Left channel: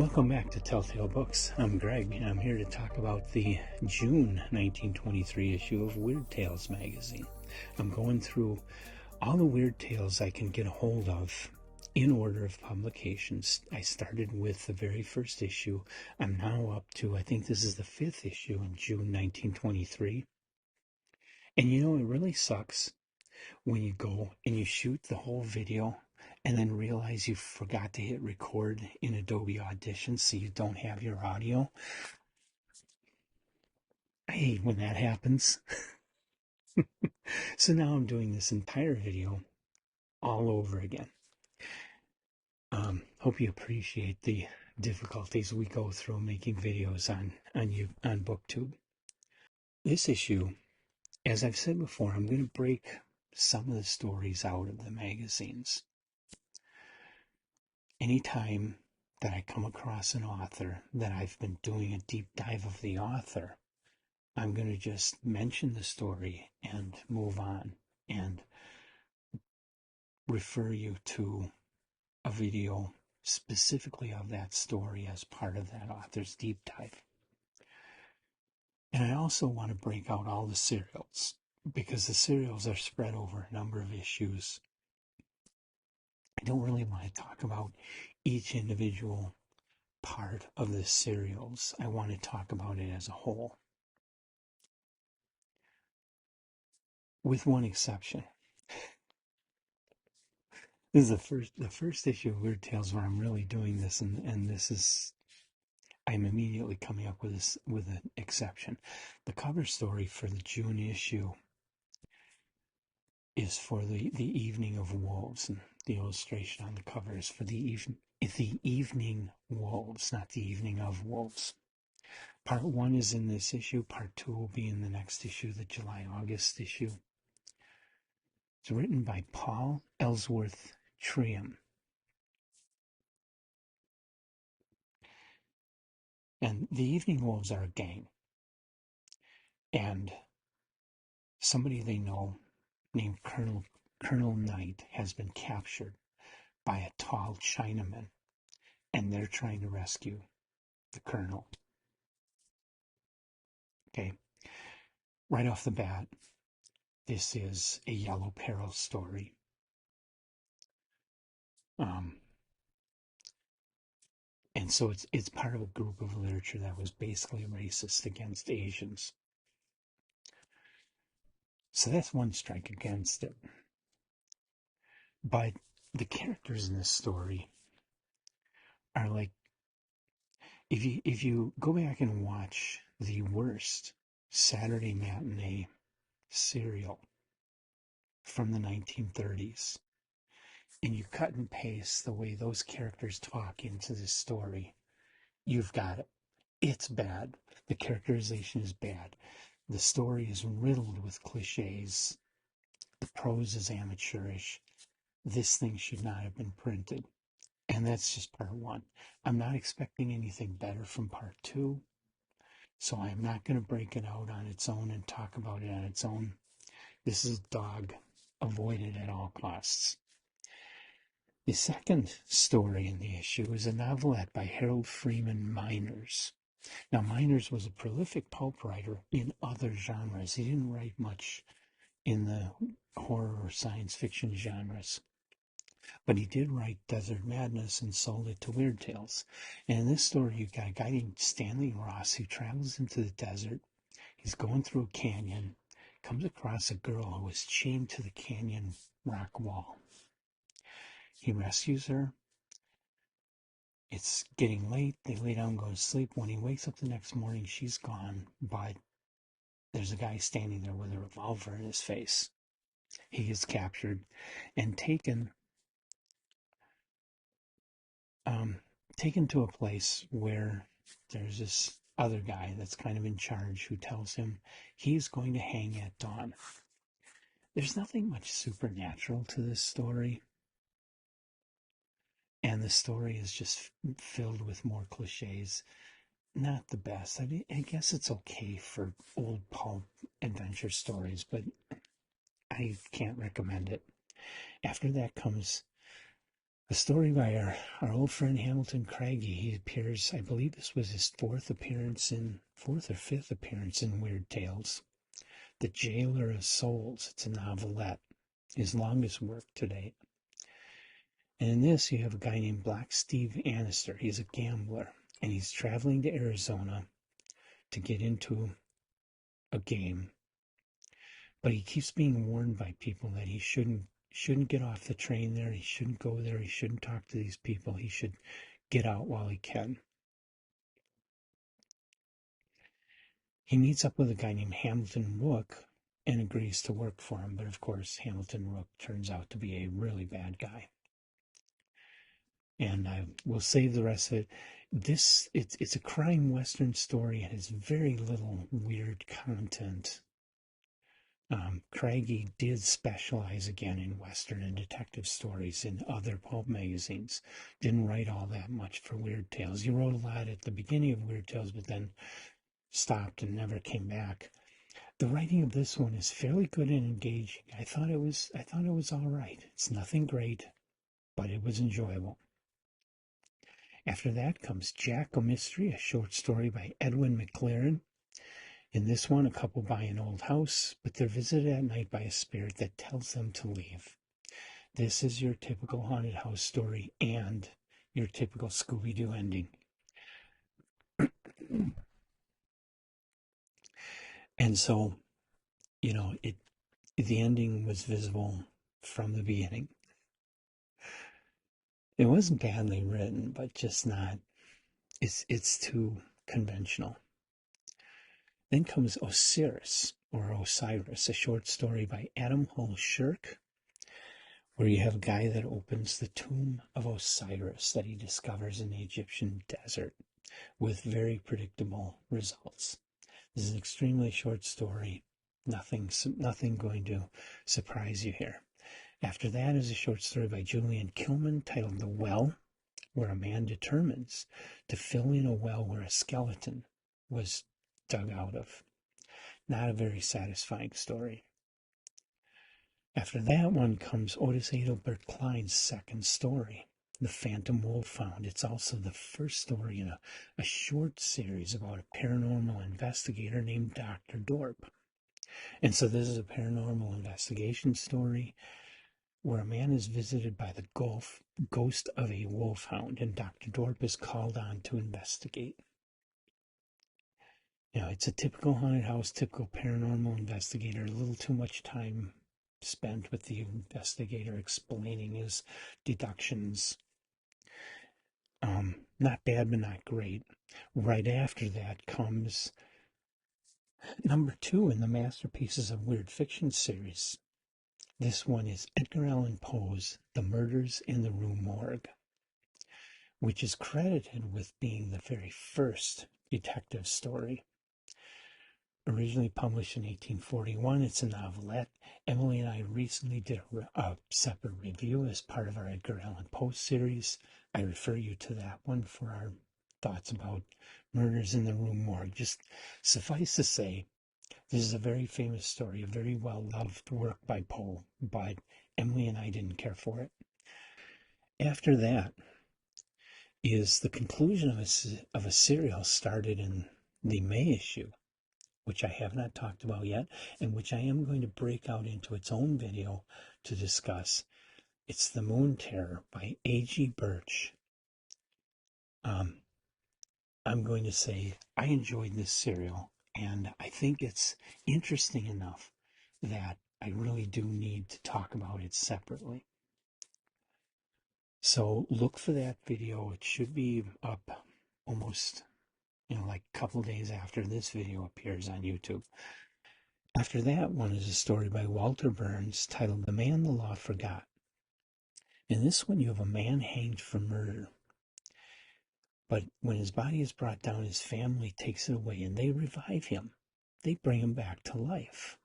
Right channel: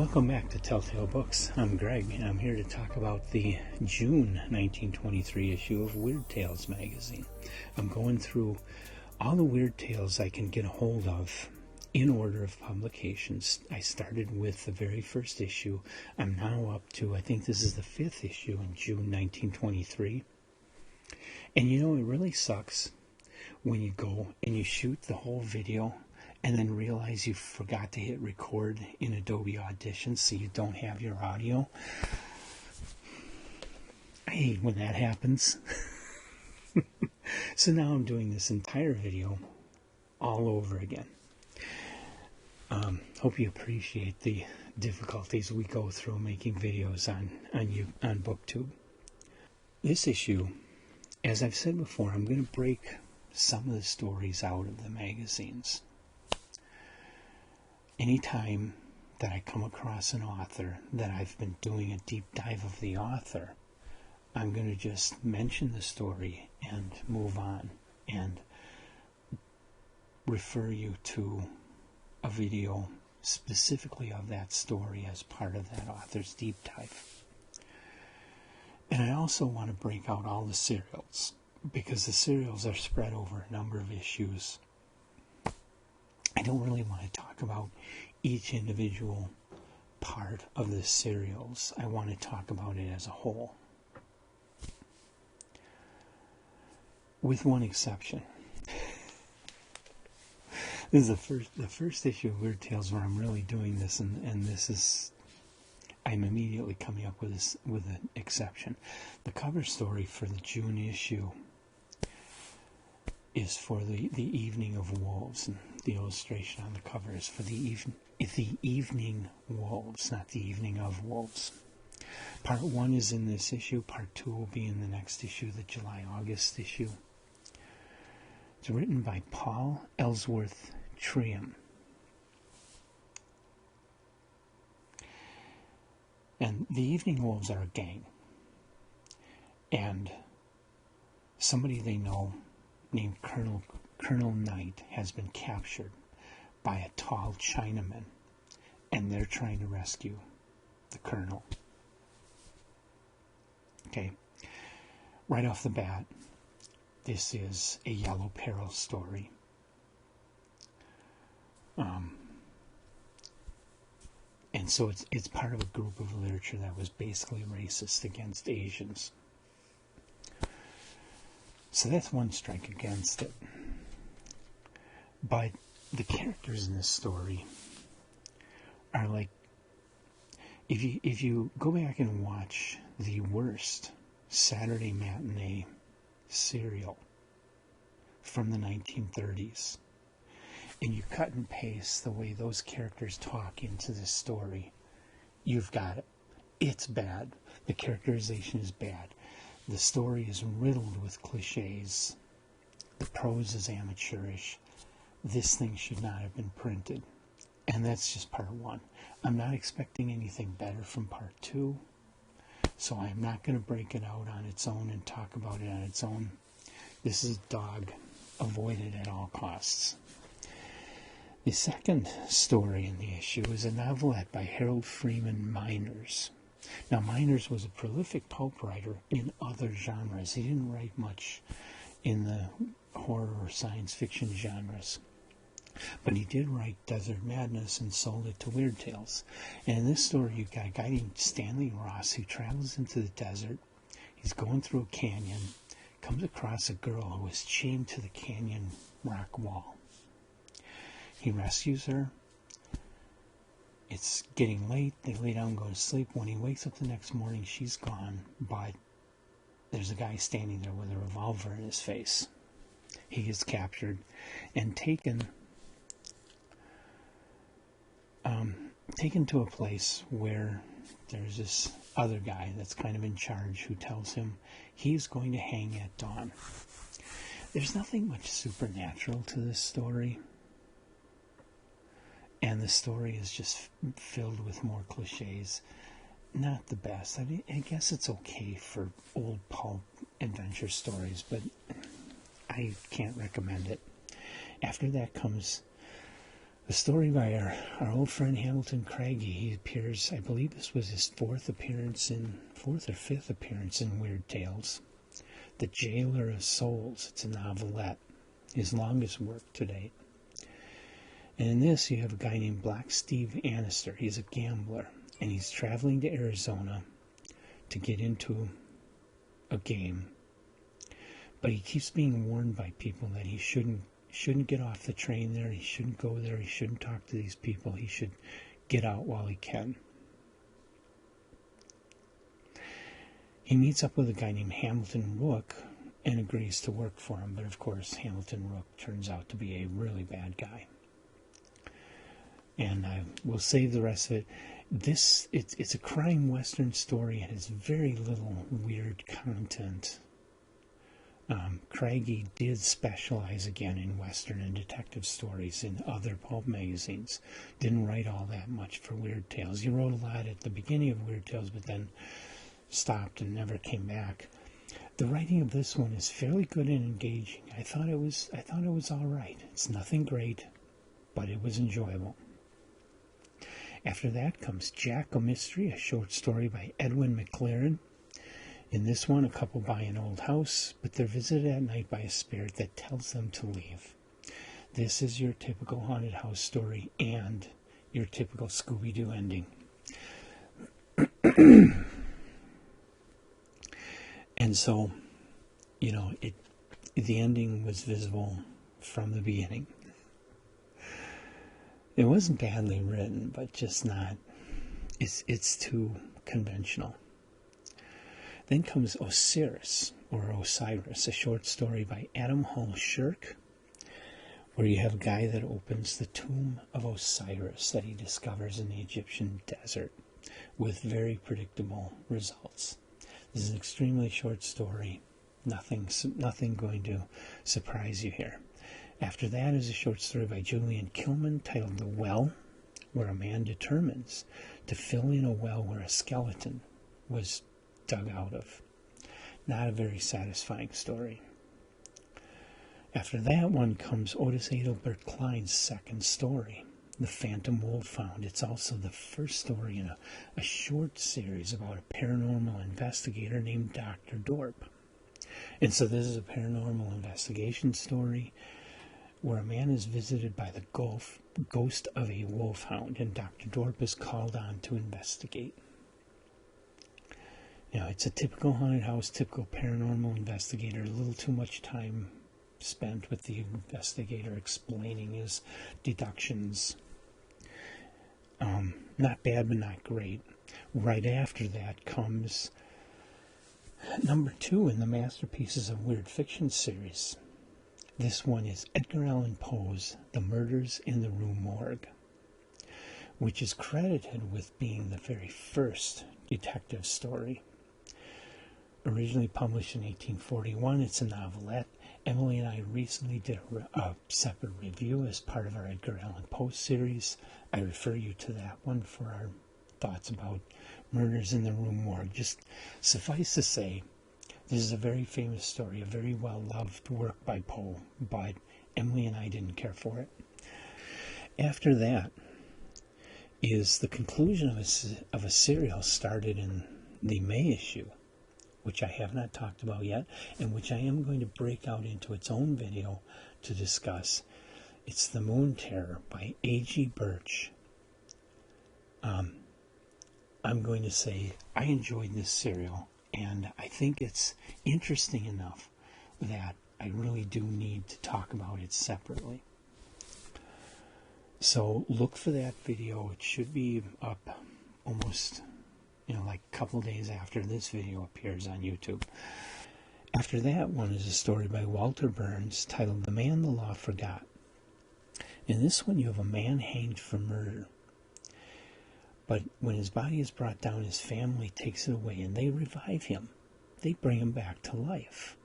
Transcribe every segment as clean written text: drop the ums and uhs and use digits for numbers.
Welcome back to Telltale Books. I'm Greg, and I'm here to talk about the June 1923 issue of Weird Tales magazine. I'm going through all the Weird Tales I can get a hold of in order of publications. I started with the very first issue. I'm now up to, I think this is the 5th issue in June 1923. And you know, it really sucks when you go and you shoot the whole video and then realize you forgot to hit record in Adobe Audition, so you don't have your audio. I hate when that happens. So now I'm doing this entire video all over again. Hope you appreciate the difficulties we go through making videos on BookTube. This issue, as I've said before, I'm going to break some of the stories out of the magazines. Anytime that I come across an author that I've been doing a deep dive of the author, I'm going to just mention the story and move on and refer you to a video specifically of that story as part of that author's deep dive. And I also want to break out all the serials, because the serials are spread over a number of issues. I don't really want to talk about each individual part of the serials. I want to talk about it as a whole. With one exception. This is the first issue of Weird Tales where I'm really doing this, and this is, I'm immediately coming up with an exception. The cover story for the June issue is for the Evening of Wolves, and the illustration on the cover is for the Evening Wolves, not the Evening of Wolves. Part 1 is in this issue. Part 2 will be in the next issue, the July-August issue. It's written by Paul Ellsworth Trium. And the Evening Wolves are a gang. And somebody they know named Colonel Knight has been captured by a tall Chinaman, and they're trying to rescue the Colonel. Okay, right off the bat, this is a Yellow Peril story. And so it's part of a group of literature that was basically racist against Asians. So that's one strike against it. But the characters in this story are like, if you go back and watch the worst Saturday matinee serial from the 1930s, and you cut and paste the way those characters talk into this story, you've got it. It's bad. The characterization is bad. The story is riddled with cliches. The prose is amateurish. This thing should not have been printed. And that's just part 1. I'm not expecting anything better from part 2. So I'm not going to break it out on its own and talk about it on its own. This is dog. Avoid it at all costs. The second story in the issue is a novelette by Harold Freeman Miners. Now, Miners was a prolific pulp writer in other genres. He didn't write much in the horror or science fiction genres. But he did write Desert Madness and sold it to Weird Tales. And in this story, you've got a guy named Stanley Ross who travels into the desert. He's going through a canyon, comes across a girl who is chained to the canyon rock wall. He rescues her. It's getting late. They lay down and go to sleep. When he wakes up the next morning, she's gone, but there's a guy standing there with a revolver in his face. He gets captured and taken to a place where there's this other guy that's kind of in charge who tells him he's going to hang at dawn. There's nothing much supernatural to this story. And the story is just filled with more cliches. Not the best. I mean, I guess it's okay for old pulp adventure stories, but I can't recommend it. After that comes A story by our old friend Hamilton Craigie. He appears, I believe this was his fourth or fifth appearance in Weird Tales. The Jailer of Souls. It's a novelette. His longest work to date. And in this, you have a guy named Black Steve Annister. He's a gambler, and he's traveling to Arizona to get into a game. But he keeps being warned by people that he shouldn't get off the train there. He shouldn't go there. He shouldn't talk to these people. He should get out while he can. He meets up with a guy named Hamilton Rook and agrees to work for him. But of course, Hamilton Rook turns out to be a really bad guy. And I will save the rest of it. It's a crime western story. It has very little weird content. Craigie did specialize again in western and detective stories in other pulp magazines. Didn't write all that much for Weird Tales. He wrote a lot at the beginning of Weird Tales, but then stopped and never came back. The writing of this one is fairly good and engaging. I thought it was all right. It's nothing great, but it was enjoyable. After that comes Jack O'Mystery, a short story by Edwin McLaren. In this one, a couple buy an old house, but they're visited at night by a spirit that tells them to leave. This is your typical haunted house story and your typical Scooby-Doo ending. And so, the ending was visible from the beginning. It wasn't badly written, but just not. It's too conventional. Then comes Osiris, or Osiris, a short story by Adam Hall Shirk, where you have a guy that opens the tomb of Osiris that he discovers in the Egyptian desert with very predictable results. This is an extremely short story. Nothing going to surprise you here. After that is a short story by Julian Kilman titled The Well, where a man determines to fill in a well where a skeleton was dug out of. Not a very satisfying story. After that one comes Otis Adelbert Klein's second story, The Phantom Wolfhound. It's also the first story in a short series about a paranormal investigator named Dr. Dorp. And so this is a paranormal investigation story where a man is visited by the ghost of a wolfhound, and Dr. Dorp is called on to investigate. It's a typical haunted house, typical paranormal investigator. A little too much time spent with the investigator explaining his deductions. Not bad, but not great. Right after that comes number 2 in the Masterpieces of Weird Fiction series. This one is Edgar Allan Poe's The Murders in the Rue Morgue, which is credited with being the very first detective story. Originally published in 1841, it's a novelette. Emily and I recently did a separate review as part of our Edgar Allan Poe series. I refer you to that one for our thoughts about Murders in the Rue Morgue. Just suffice to say, this is a very famous story, a very well-loved work by Poe, but Emily and I didn't care for it. After that is the conclusion of a serial started in the May issue, which I have not talked about yet, and which I am going to break out into its own video to discuss. It's The Moon Terror by A.G. Birch. I'm going to say I enjoyed this serial, and I think it's interesting enough that I really do need to talk about it separately. So look for that video. It should be up almost like a couple days after this video appears on YouTube. After that one is a story by Walter Burns titled The Man the Law Forgot. In this one you have a man hanged for murder. But when his body is brought down, his family takes it away and they revive him. They bring him back to life.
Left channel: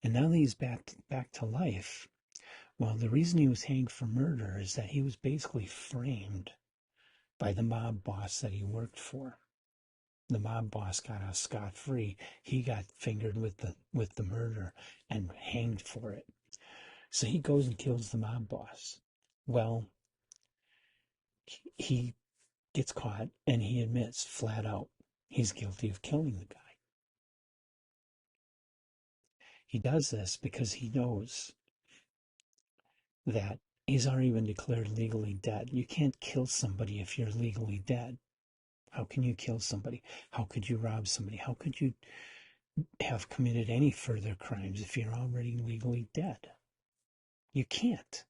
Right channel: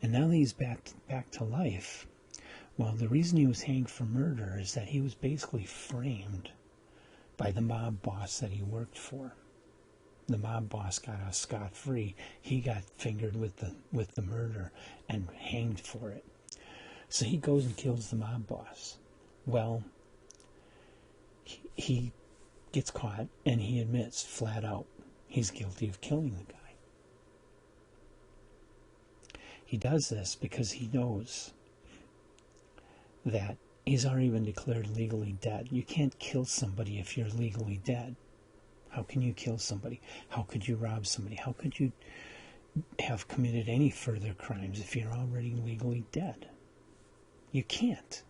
And now that he's back to life, well, the reason he was hanged for murder is that he was basically framed by the mob boss that he worked for. The mob boss got out scot-free. He got fingered with the murder and hanged for it. So he goes and kills the mob boss. Well, he gets caught and he admits flat out he's guilty of killing the guy. He does this because he knows that he's already been declared legally dead. You can't kill somebody if you're legally dead. How can you kill somebody? How could you rob somebody? How could you have committed any further crimes if you're already legally dead? You can't.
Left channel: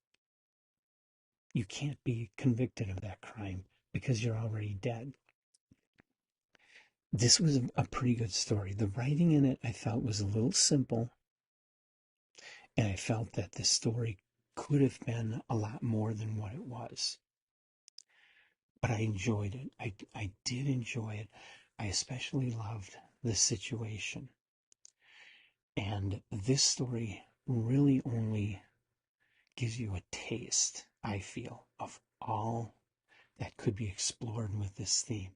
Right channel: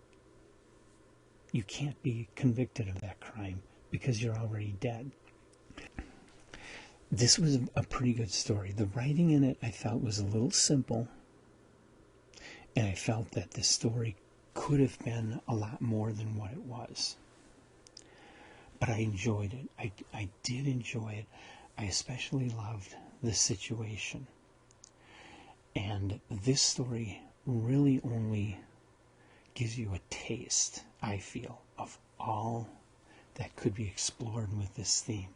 You can't be convicted of that crime because you're already dead. This was a pretty good story. The writing in it I felt was a little simple, and I felt that the story could have been a lot more than what it was. But I enjoyed it. I did enjoy it. I especially loved the situation. And this story really only gives you a taste, I feel, of all that could be explored with this theme.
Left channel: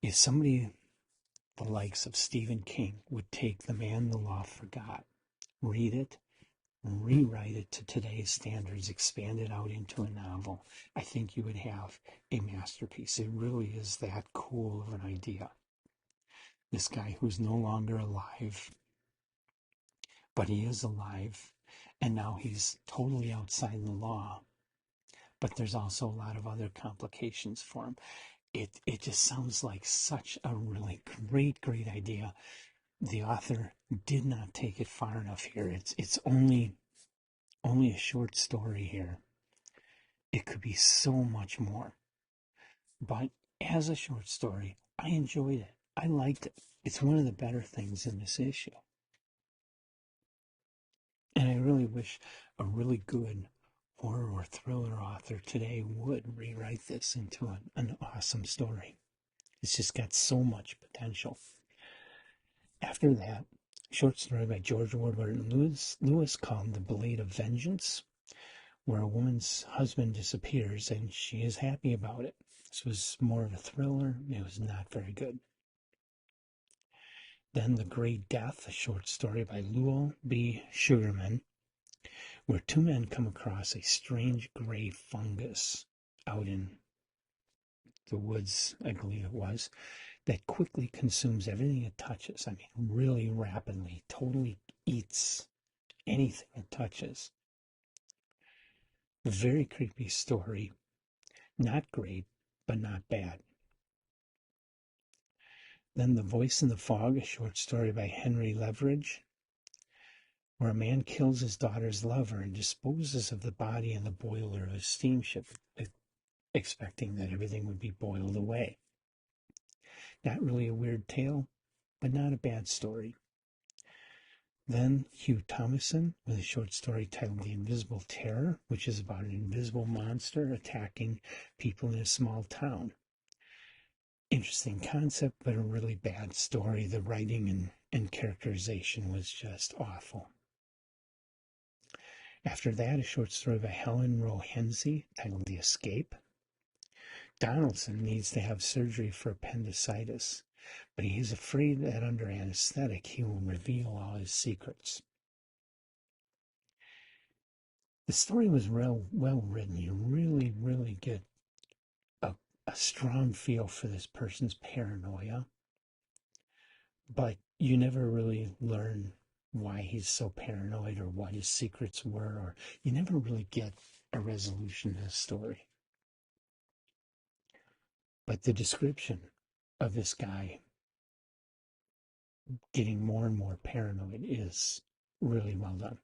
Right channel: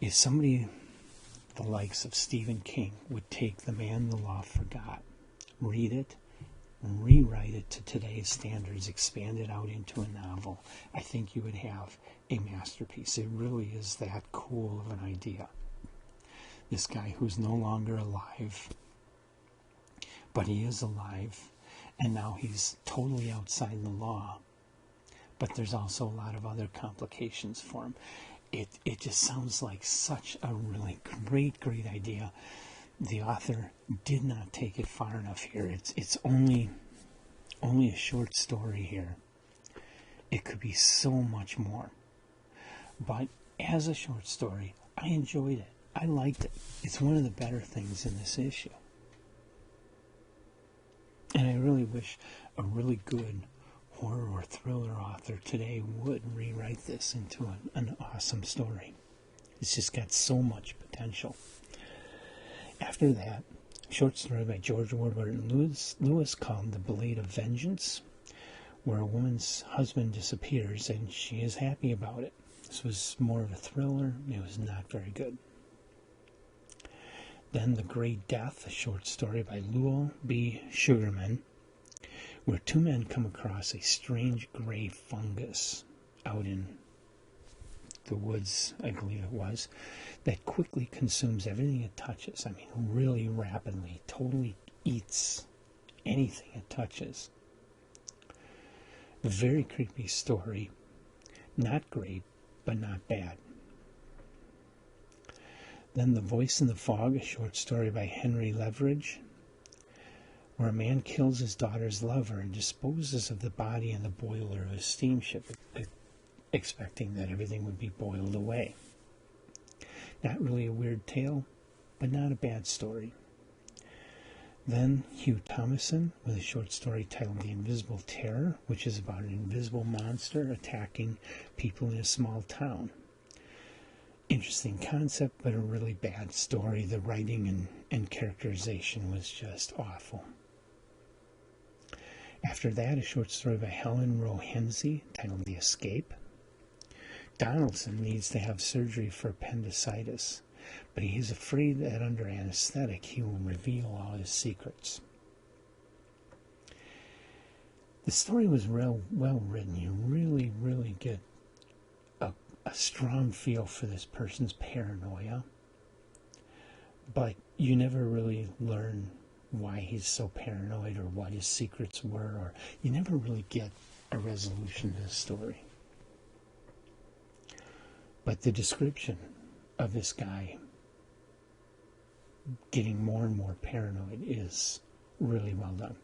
If somebody the likes of Stephen King would take The Man the Law Forgot, read it, rewrite it to today's standards, expand it out into a novel, I think you would have a masterpiece. It really is that cool of an idea. This guy who's no longer alive, but he is alive, and now he's totally outside the law, but there's also a lot of other complications for him. It just sounds like such a really great idea. The author did not take it far enough here. It's only a short story here. It could be so much more. But as a short story, I enjoyed it. I liked it. It's one of the better things in this issue. And I really wish a really good horror or thriller author today would rewrite this into an awesome story. It's just got so much potential. After that, a short story by George Ward Lewis called The Blade of Vengeance, where a woman's husband disappears and she is happy about it. This was more of a thriller. It was not very good. Then The Great Death, a short story by Lowell B. Sugarman, where two men come across a strange gray fungus out in the woods, I believe it was, that quickly consumes everything it touches. I mean, really rapidly, totally eats anything it touches. A very creepy story. Not great, but not bad. Then The Voice in the Fog, a short story by Henry Leveridge, where a man kills his daughter's lover and disposes of the body in the boiler of a steamship, expecting that everything would be boiled away. Not really a weird tale, but not a bad story. Then Hugh Thomason with a short story titled The Invisible Terror, which is about an invisible monster attacking people in a small town. Interesting concept, but a really bad story. The writing and characterization was just awful. After that, a short story by Helen Rowe Hensey titled The Escape. Donaldson needs to have surgery for appendicitis, but he is afraid that under anesthetic he will reveal all his secrets. The story was well written. You really get a strong feel for this person's paranoia, but you never really learn why he's so paranoid or what his secrets were, or you never really get a resolution to the story. But the description of this guy getting more and more paranoid is really well done.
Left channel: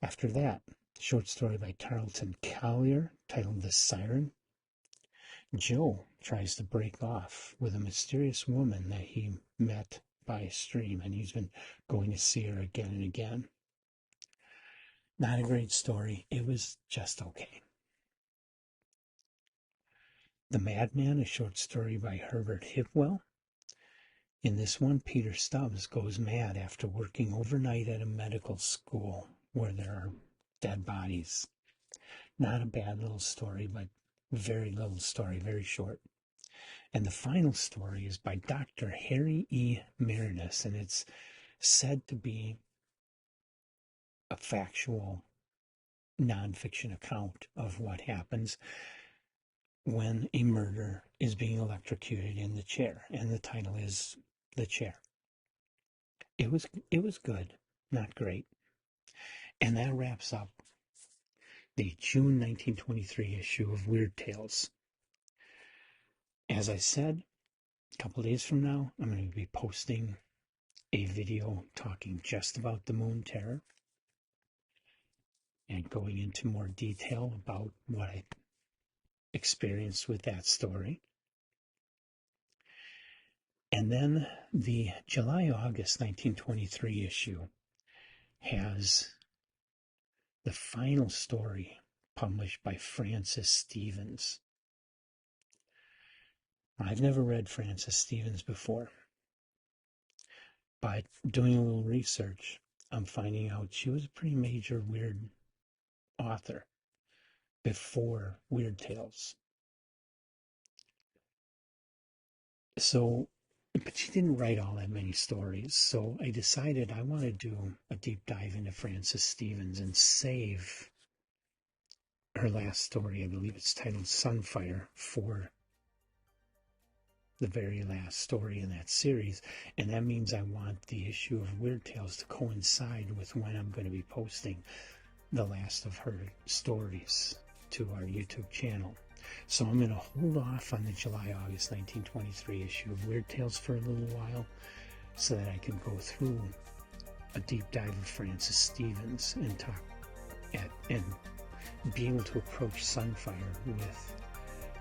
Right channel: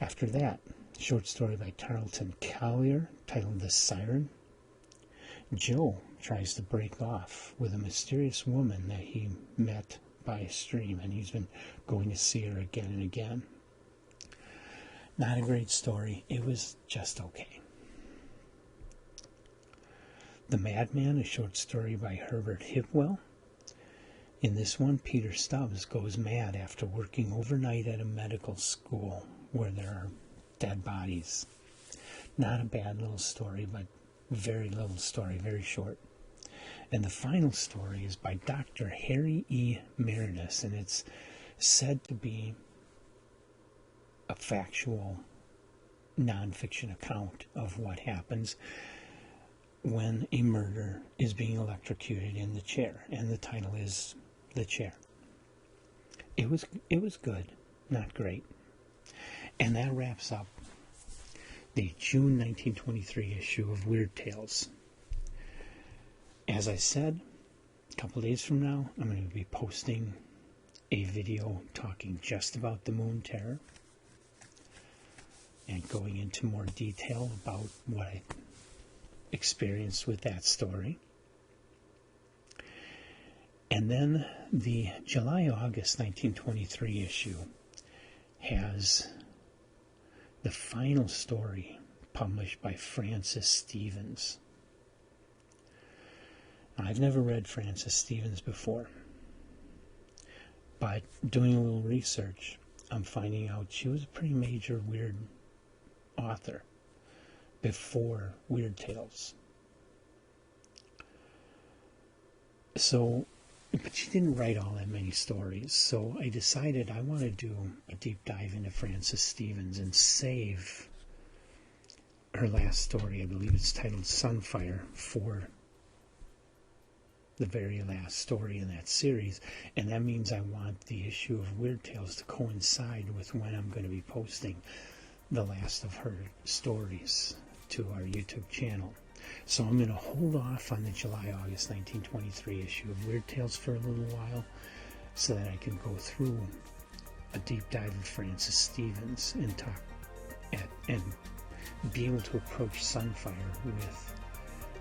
After that, a short story by Tarleton Collier titled The Siren. Joe tries to break off with a mysterious woman that he met by a stream, and he's been going to see her again and again. Not a great story. It was just okay. The Madman, a short story by Herbert Hipwell. In this one, Peter Stubbs goes mad after working overnight at a medical school where there are dead bodies. Not a bad little story, but very little story, very short. And the final story is by Dr. Harry E. Meredith, and it's said to be a factual nonfiction account of what happens. when a murder is being electrocuted in the chair, and the title is The Chair. It was good, not great. And that wraps up the June 1923 issue of Weird Tales. As I said, a couple days from now, I'm going to be posting a video talking just about the Moon Terror and going into more detail about what I experienced with that story. And then the July-August 1923 issue has the final story published by Francis Stevens. I've never read Francis Stevens before, but doing a little research, I'm finding out she was a pretty major weird author before Weird Tales. So, but she didn't write all that many stories, so I decided I want to do a deep dive into Francis Stevens and save her last story. I believe it's titled Sunfire, for the very last story in that series, and that means I want the issue of Weird Tales to coincide with when I'm going to be posting the last of her stories to our YouTube channel. So I'm going to hold off on the July-August 1923 issue of Weird Tales for a little while so that I can go through a deep dive of Francis Stevens and talk and be able to approach Sunfire with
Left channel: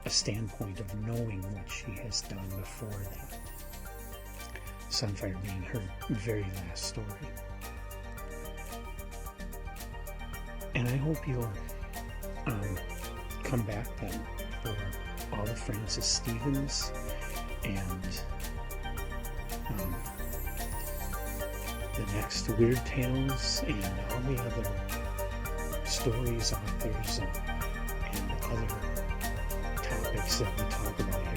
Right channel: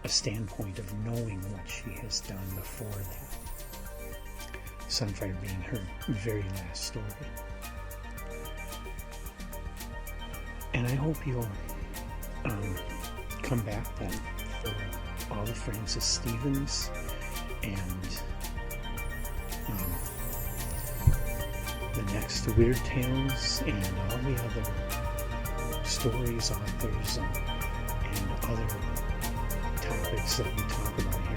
a standpoint of knowing what she has done before that. Sunfire being her very last story. And I hope you'll come back then for all of Francis Stevens and the next Weird Tales and all the other stories, authors, and other topics that we talk about